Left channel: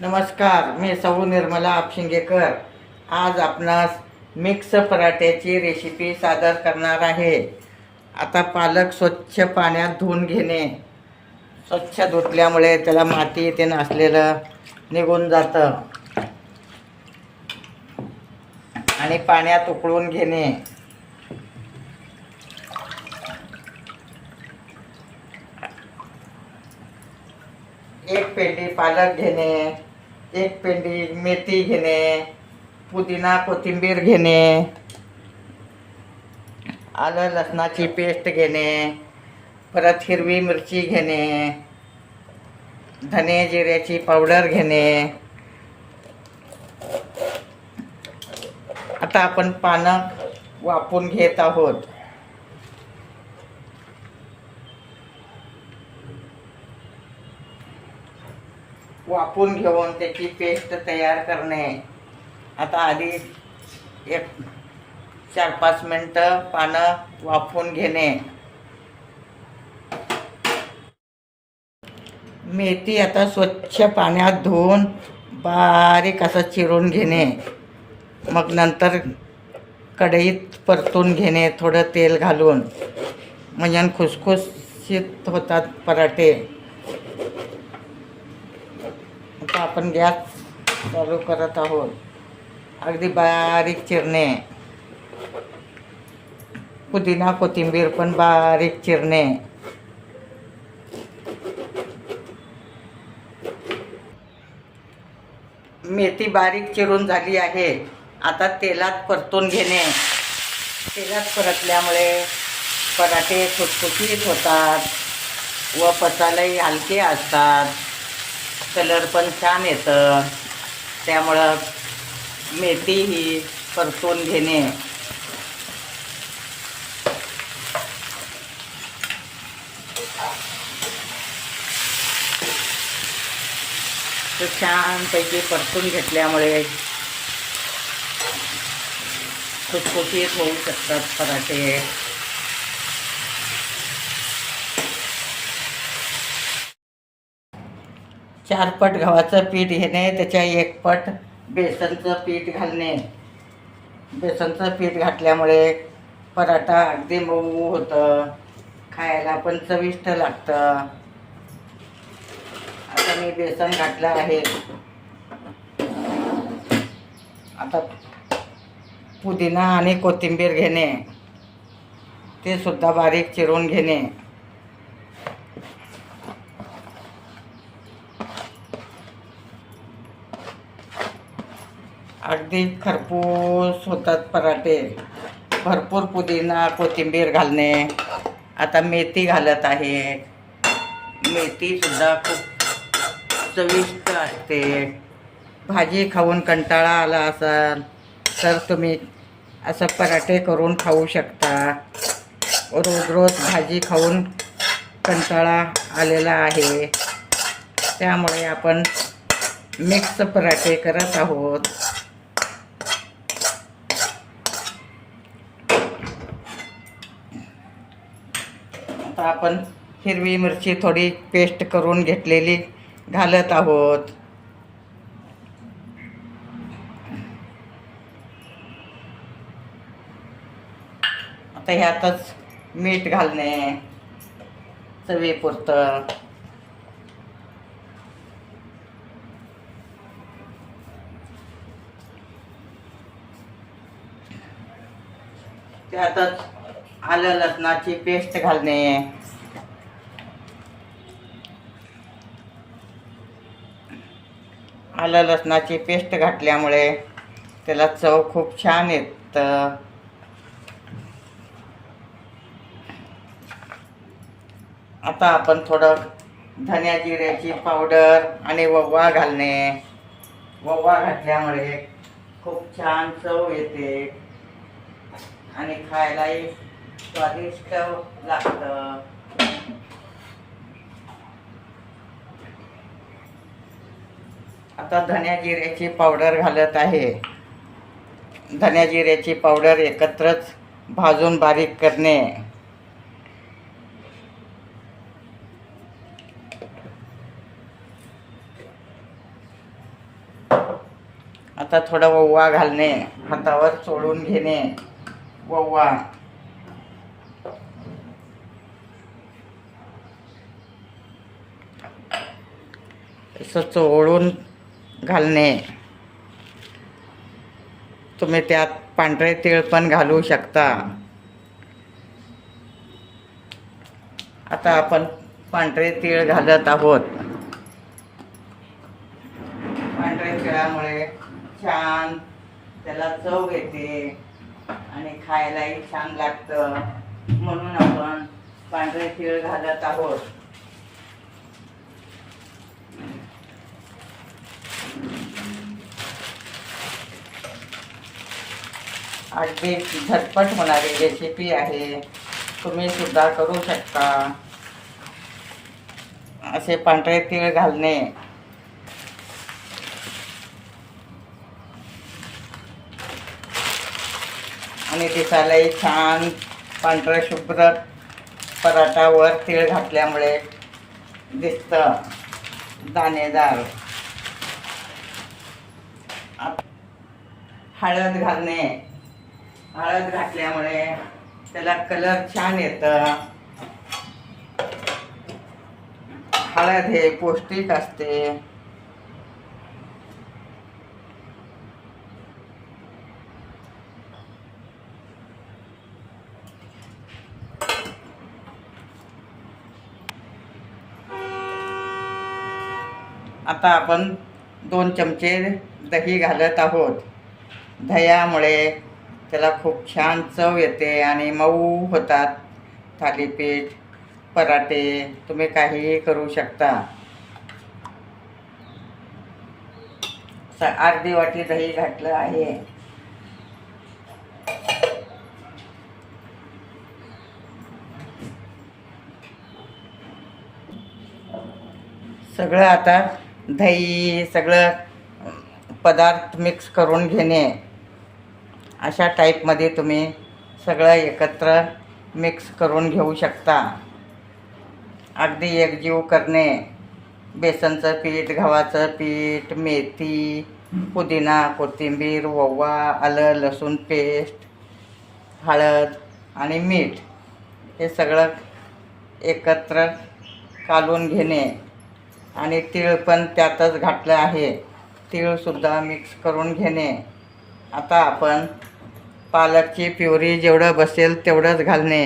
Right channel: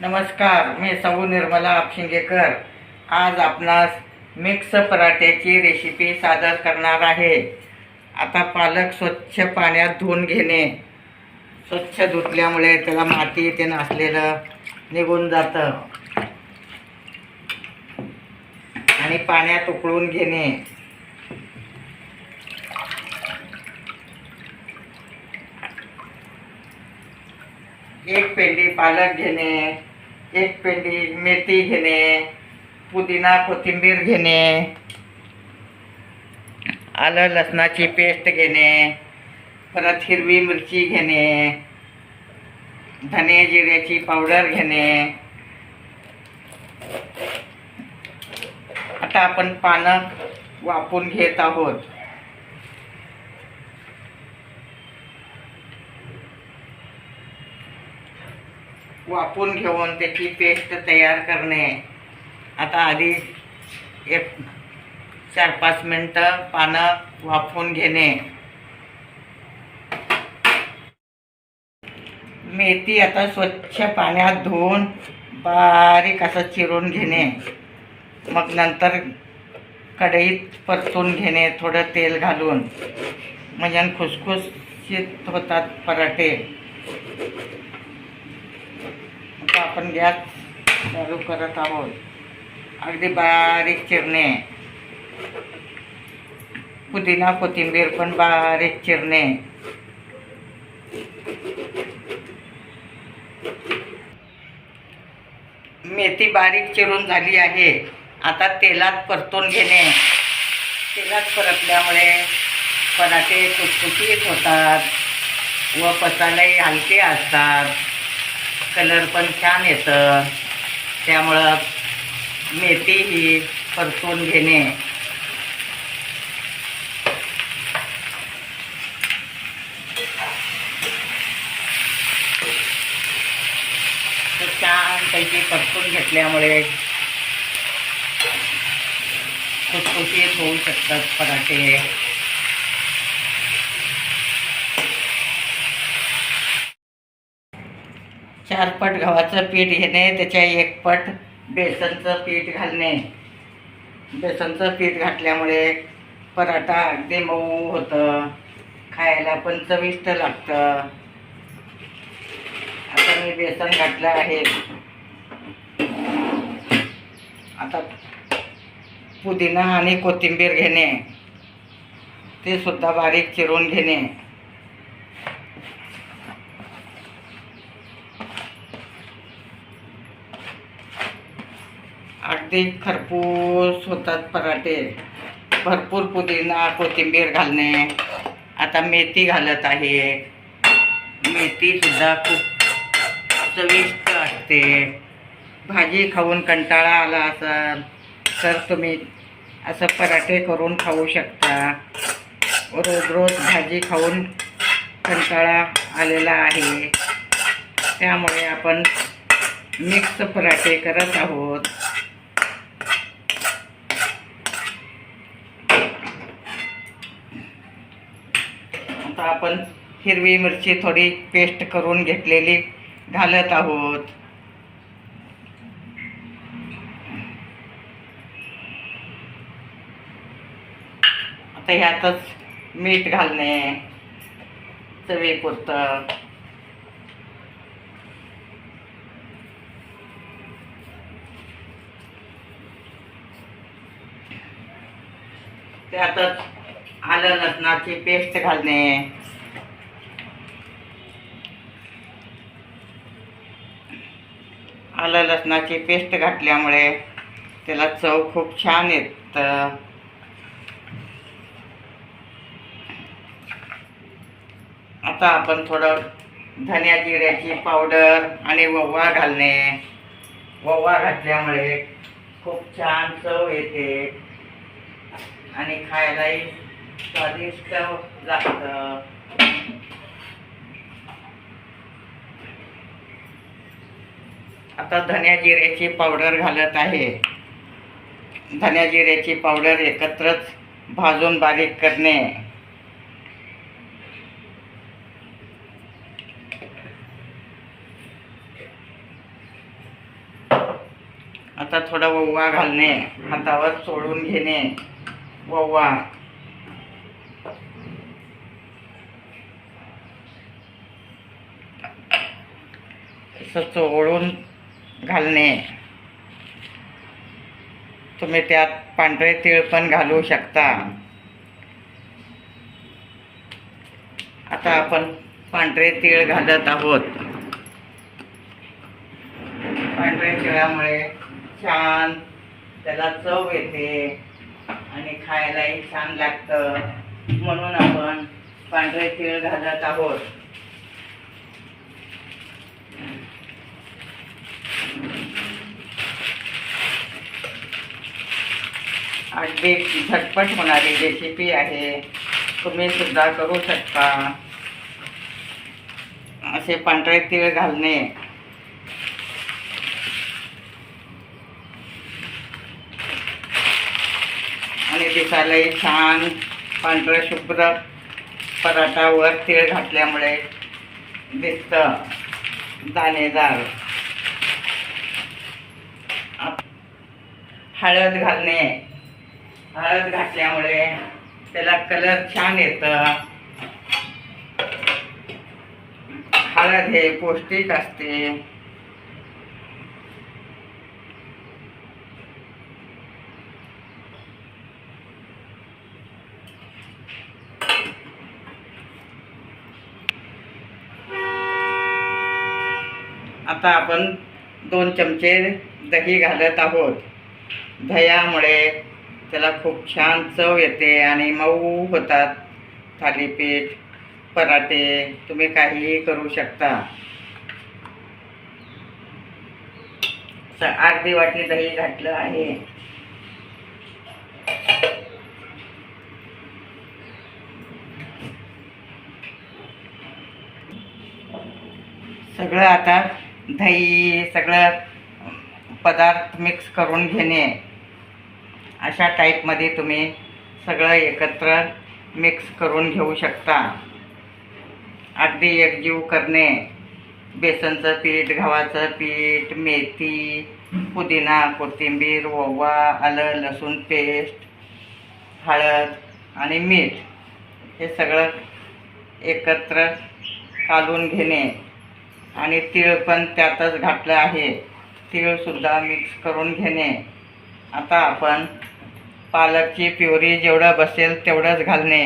नमस्कार, मी सौ निर्मला आपशिंगेकर आज आपणास मिक्स पराठ्याची रेसिपी सादर करणार आहे। आता पालक स्वच्छ पाण्यात धुवून घेणे। स्वच्छ धुतल्यामुळे त्याला माती ते नसलेलं निघून जातं आणि पाण्यात उकळून घेणे। एक पेंडी पालक घेणे, एक पेंडी मेथी घेणे, पुदिना कोथिंबीर घेणे, आलं लसणाची पेस्ट घेणे, परत हिरवी मिरची घेणे, धने जिऱ्याची पावडर घेणे। आता आपण पानं वाफवून घेत आहोत। वाफवून घेऊन त्याची पेस्ट तयार करणे। आता आधी एक 4-5 मिनटं पानं वाफवून घेणे। मेथी आता स्वच्छ पाण्यात धुवून बारीक असं चिरून घेणे। मग नंतर कढईत परतून घेणे, थोडं तेल घालून, म्हणजे खुसखुशीत होतात पराठे। आता आपण गॅस चालू करत आहोत। अगदी बारीक चिरणे, पुदिना कोथिंबीर पण बारीक चिरणे। मेथी बारीक चिरून झाली आहे। आता तेलात परतून घेणे। तेलात परतल्यामुळे पराठे खुसखुशीत होतात व पचायलाही हलके असतात, कलर पण छान येतं। त्यामुळं मेथी ही परतून घेणे। तर छानपैकी परतून घेतल्यामुळे खुसखुशीत होऊ शकतात पराठे। चार पट गव्हाचं पीठ घेणे, त्याच्या 1 पट बेसनचं पीठ घालणे। बेसनचं पीठ घातल्यामुळे पराठा अगदी मऊ होतं, खायला पण चविष्ट लागतं। आता मी बेसन घातलं आहे। आता पुदिना आणि कोथिंबीर घेणे, ते सुद्धा बारीक चिरून घेणे। अगदी खरपूस होतात पराठे। भरपूर पुदिना कोथिंबीर घालणे। आता मेथी घालत आहे। मेथी सुद्धा खूप चविष्ट असते। भाजी खाऊन कंटाळा आला असाल तर तुम्ही असं पराठे करून खाऊ शकता। रोज रोज भाजी खाऊन कंटाळा आलेला आहे, त्यामुळे आपण मिक्स पराठे करत आहोत। आता आपण हिरवी मिरची थोडी पेस्ट करून घेतलेली घालत आहोत। आता ह्यातच मीठ घालणे चवीपुरतं। त्यातच आलं लसणाची पेस्ट घालणे। आलं लसणाची पेस्ट घातल्यामुळे त्याला चव खूप छान येतं। आता आपण थोडं धन्या जिऱ्याची पावडर आणि ओवा घालणे। ओवा घातल्यामुळे खूप छान चव येते आणि खायलाही स्वादिष्ट लागतं। आता धन्या जिऱ्याची पावडर घालत आहे। धन्या जिऱ्याची पावडर एकत्रच भाजून बारीक करणे। आता थोडा ओवा घालणे, हातावर चोळून घेणे. ओवा असं चोळून घालणे. तुम्ही त्यात पांढरे तीळ पण घालू शकता. आता आपण पांढरे तीळ घालत आहोत. पांढऱ्या तिळामुळे छान त्याला चव येते आणि खायलाही छान लागतं, म्हणून आपण पांढरे तीळ घालत आहोत. अगदी झटपट होणारी रेसिपी आहे, तुम्ही सुद्धा करू शकता. असे पांढरे तीळ घालणे आणि दिसायलाही छान पांढरं शुभ्र पराठावर तीळ घातल्यामुळे दिसतं दाणेदार. हळद घालणे, हळद घातल्यामुळे त्याला कलर छान येतं. हळद हे पौष्टिक असते. आता आपण 2 चमचे दही घालत आहोत. दह्यामुळे त्याला खूप छान चव येते आणि मऊ होतात थालीपीठ, पराठे. तुम्ही काहीही करू शकता. अर्धी वाटी दही घातलं आहे. सगळं आता दही सगळं पदार्थ मिक्स करून घेणे. अशा टाईपमध्ये तुम्ही सगळं एकत्र मिक्स करून घेऊ शकता. अगदी एकजीव करणे. बेसनचं पीठ, गव्हाचं पीठ, मेथी, पुदिना, कोथिंबीर, ओवा, आलं लसूण पेस्ट, हळद आणि मीठ हे सगळं एकत्र कालून घेणे. आणि तीळ पण त्यातच घातलं आहे. तीळसुद्धा मिक्स करून घेणे. आता आपण पालकची प्युरी जेवढं बसेल तेवढंच घालणे.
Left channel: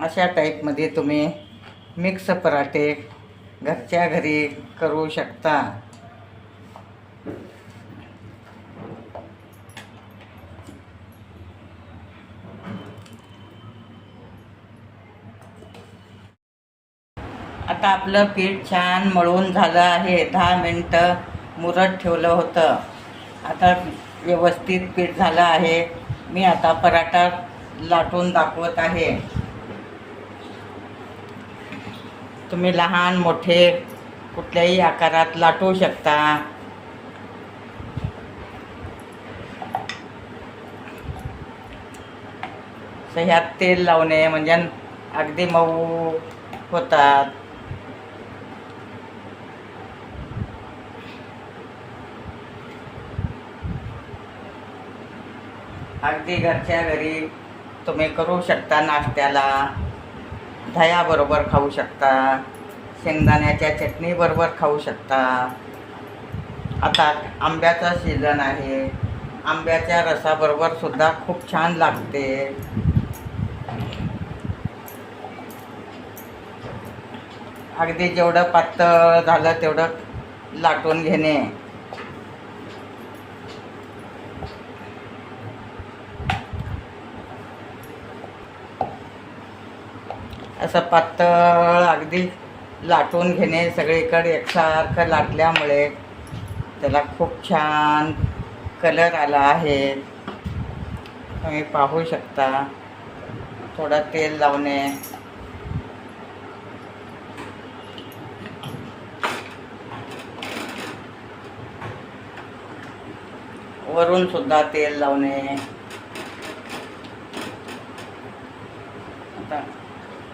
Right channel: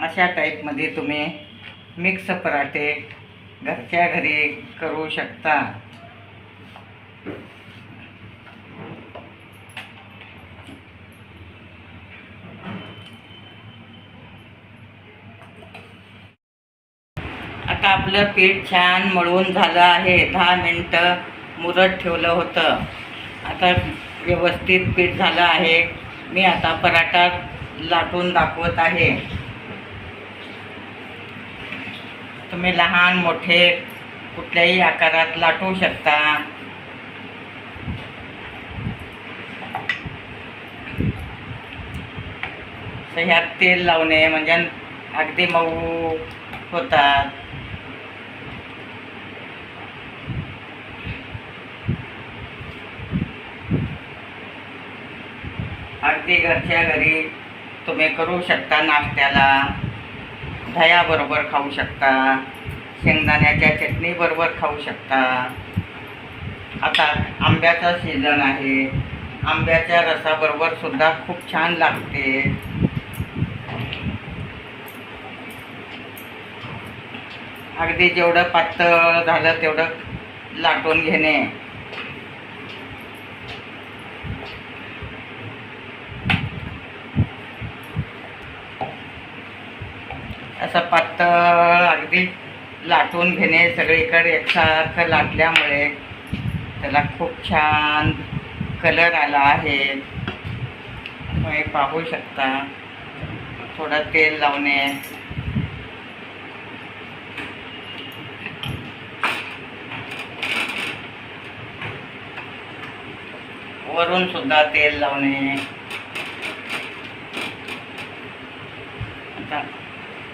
अशा टाईपमध्ये तुम्ही मिक्स पराठे घरच्या घरी करू शकता. आता आपलं पीठ छान मळून झालं आहे. 10 मिनटं मुरत ठेवलं होतं. आता व्यवस्थित पीठ झालं आहे. मी आता पराठा लाटून दाखवत आहे. तुम्ही लहान मोठे कुठल्याही आकारात लाटू शकता. ह्यात तेल लावणे म्हणजे अगदी मऊ होतात. अगदी घरच्या घरी तुम्ही करू शकता. नाश्त्याला दह्याबरोबर खाऊ शकता, शेंगदाण्याच्या चटणीबरोबर खाऊ शकता. आता आंब्याचा सीझन आहे. आंब्याच्या रसाबरोबर सुद्धा खूप छान लागते. अगदी जेवढं पातळ झालं तेवढं लाटून घेणे. असं पातळ अगदी लाटून घेणे. सगळीकडे एकसारखं लाटल्यामुळे त्याला खूप छान कलर आला आहे. तुम्ही पाहू शकता. थोडं तेल लावणे. वरून सुद्धा तेल लावणे. आता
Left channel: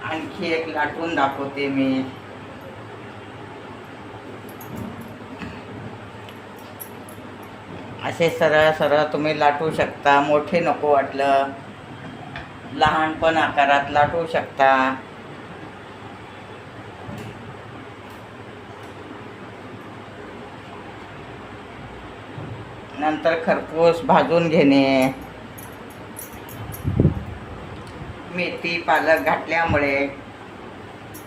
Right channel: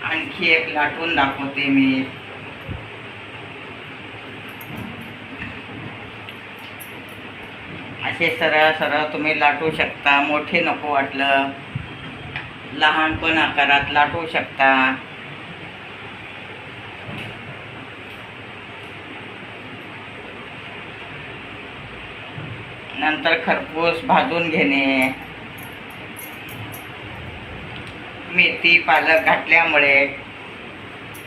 आणखी एक लाटून दाखवते मी. असे सरळ सरळ तुम्ही लाटू शकता. मोठे नको वाटलं लहान पण आकारात लाटू शकता. नंतर खरपूस भाजून घेणे. मेथी पालक घातल्यामुळे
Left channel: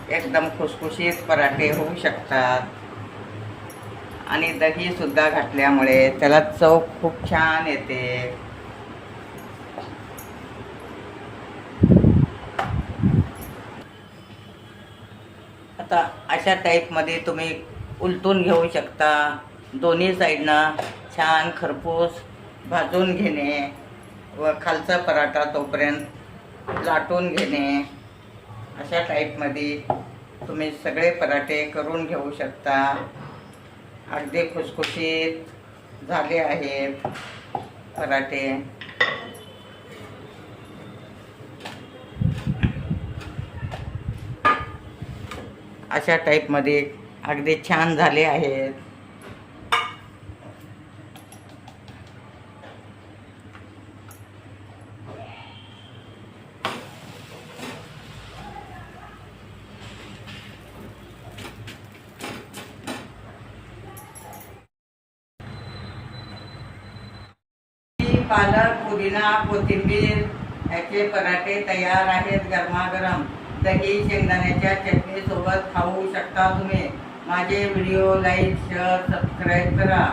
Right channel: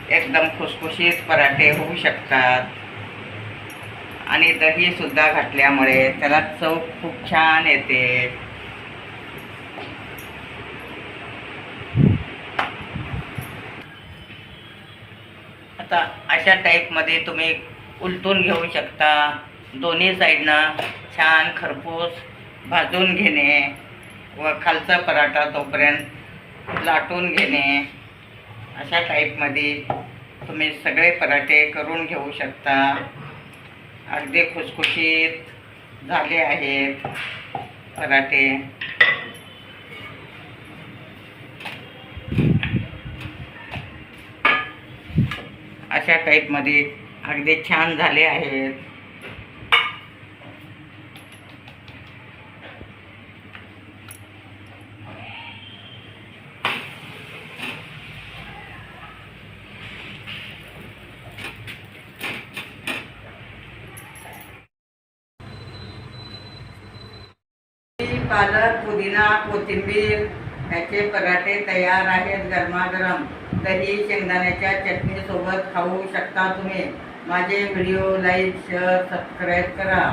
एकदम खुसखुशीत पराठे होऊ शकतात आणि दही सुद्धा घातल्यामुळे त्याला चव खूप छान येते. आता अशा टाईपमध्ये तुम्ही उलटून घेऊ शकता. दोन्ही साईडनं छान खरपूस भाजून घेणे व खालचा पराठा तोपर्यंत लाटून घेणे. अशा टाईपमध्ये तुम्ही सगळे पराठे करून घेऊ शकता. अगदी खुसखुशीत झाले आहेत पराठे. अशा टाईपमध्ये अगदी छान झाले आहेत. पालक, पुदिना, कोथिंबीर ह्याचे पराठे तयार आहेत गरमागरम. दही शेंगदाण्याच्या चटणी सोबत खाऊ शकता तुम्ही. माझे व्हिडिओ लाईक, शेअर, सबस्क्राईब करा.